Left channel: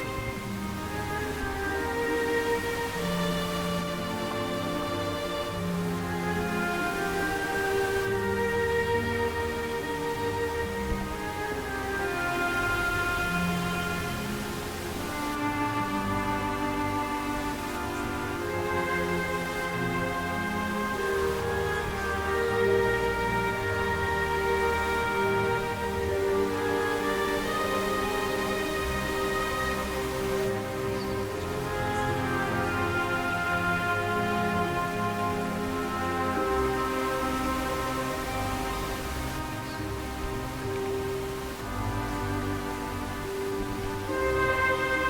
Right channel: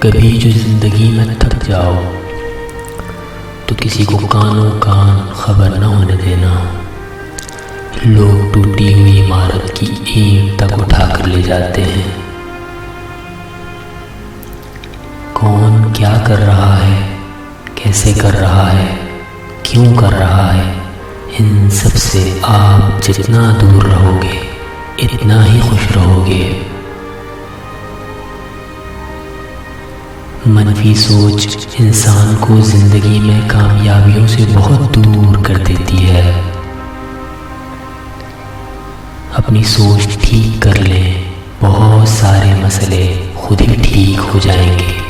کبھی جو زندگی میں تھک جاؤ تو کسی کو کانوں کان خبر نہ ہونے دینا۔ لوگ ٹوٹی ہوئی عمارت کی اینٹ تک اٹھا کر لے جاتے ہیں۔ کون کیا کر رہا ہے، کیسے کر رہا ہے، کیوں کر رہا ہے، ان سب سے آپ جتنا دور رہو گے اتنا ہی خوش رہو گے۔ منفی سوچ انسان کو زندگی میں کامیابیوں سے بہت دور کر دیتی ہے۔ اپنی سوچ ٹھیک کر لیں، بہت سارے مسئلے خود ہی ٹھیک ہو جائیں گے۔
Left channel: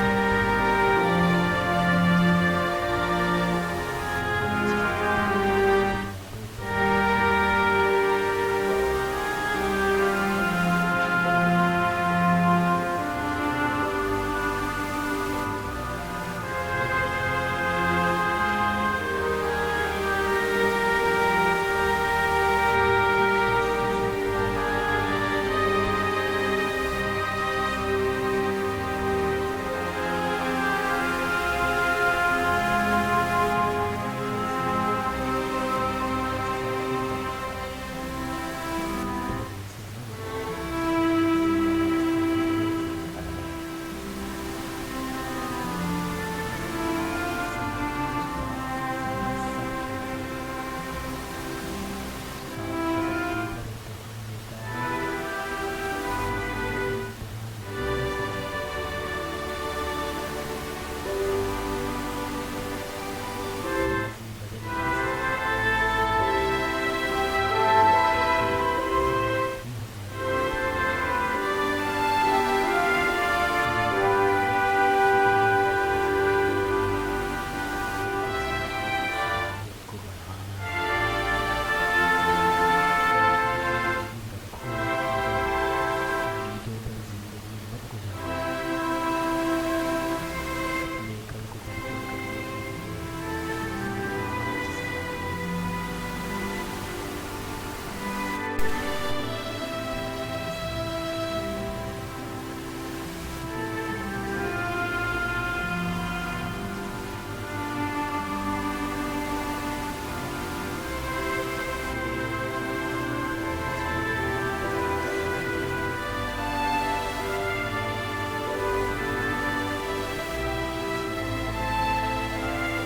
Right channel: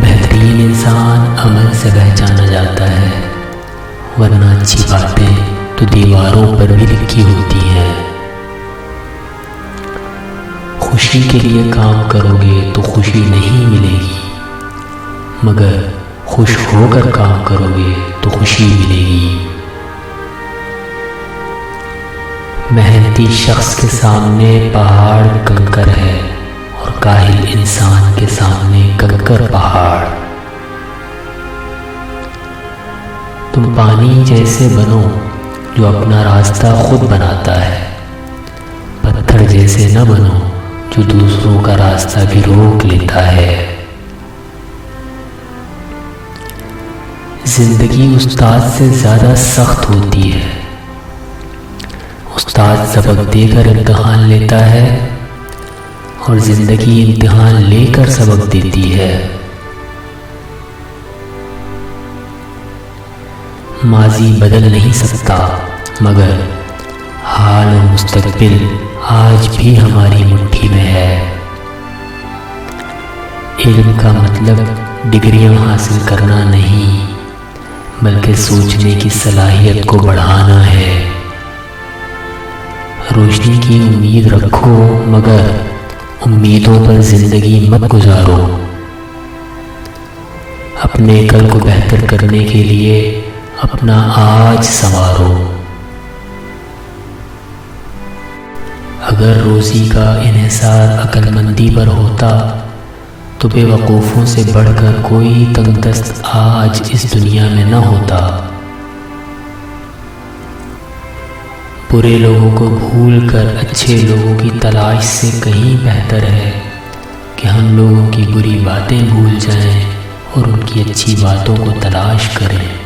بہترین انسان عمل سے پہچانا جاتا ہے، ورنہ اچھی باتیں تو دیواروں پر بھی لکھی ہوتی ہیں۔ خوشی کے لیے کام کرو گے تو خوشی نہیں ملے گی، مگر خوش ہو کر کام کرو گے تو خوشی ملے گی۔ محنتی شخص کے سامنے پہاڑ کنکر ہے اور کاہل انسان کے سامنے کنکر پہاڑ۔ تم پانی جیسے بنو جو اپنا راستہ خود بناتا ہے، پتھر جیسے نہ بنو جو دوسروں کا راستہ بھی روک لیتا ہے۔ زندگی استاد سے زیادہ سخت ہوتی ہے۔ استاد سبق دے کر امتحان لیتا ہے اور زندگی امتحان لے کر سبق دیتی ہے۔ ماضی بدل نہیں سکتا، مگر حال و مستقبل آج بھی ہماری مٹھی میں ہے۔ علم کا مطلب ڈگریاں حاصل کرنا نہیں، بلکہ سوچنے کی صلاحیت کو بڑھانا ہے۔ روشنی کی امید رکھو، مگر امیدوں پر زندگی مت گزارو۔ اپنے کل کو بہتر کرنے کے لیے اپنا آج سنوارو۔ اگر روزی کا انحصار عقل مندی پر ہوتا تو بے وقوفوں سے بڑھ کر کوئی تنگ دست آج اس دنیا میں نہ ہوتا۔ برے لوگوں کو بھول کر اچھے لوگوں کی تلاش سے کہیں بہتر ہے کہ ہم لوگوں کی بری باتیں بھول جائیں اور ان کی اچھی باتوں کو تلاش کریں۔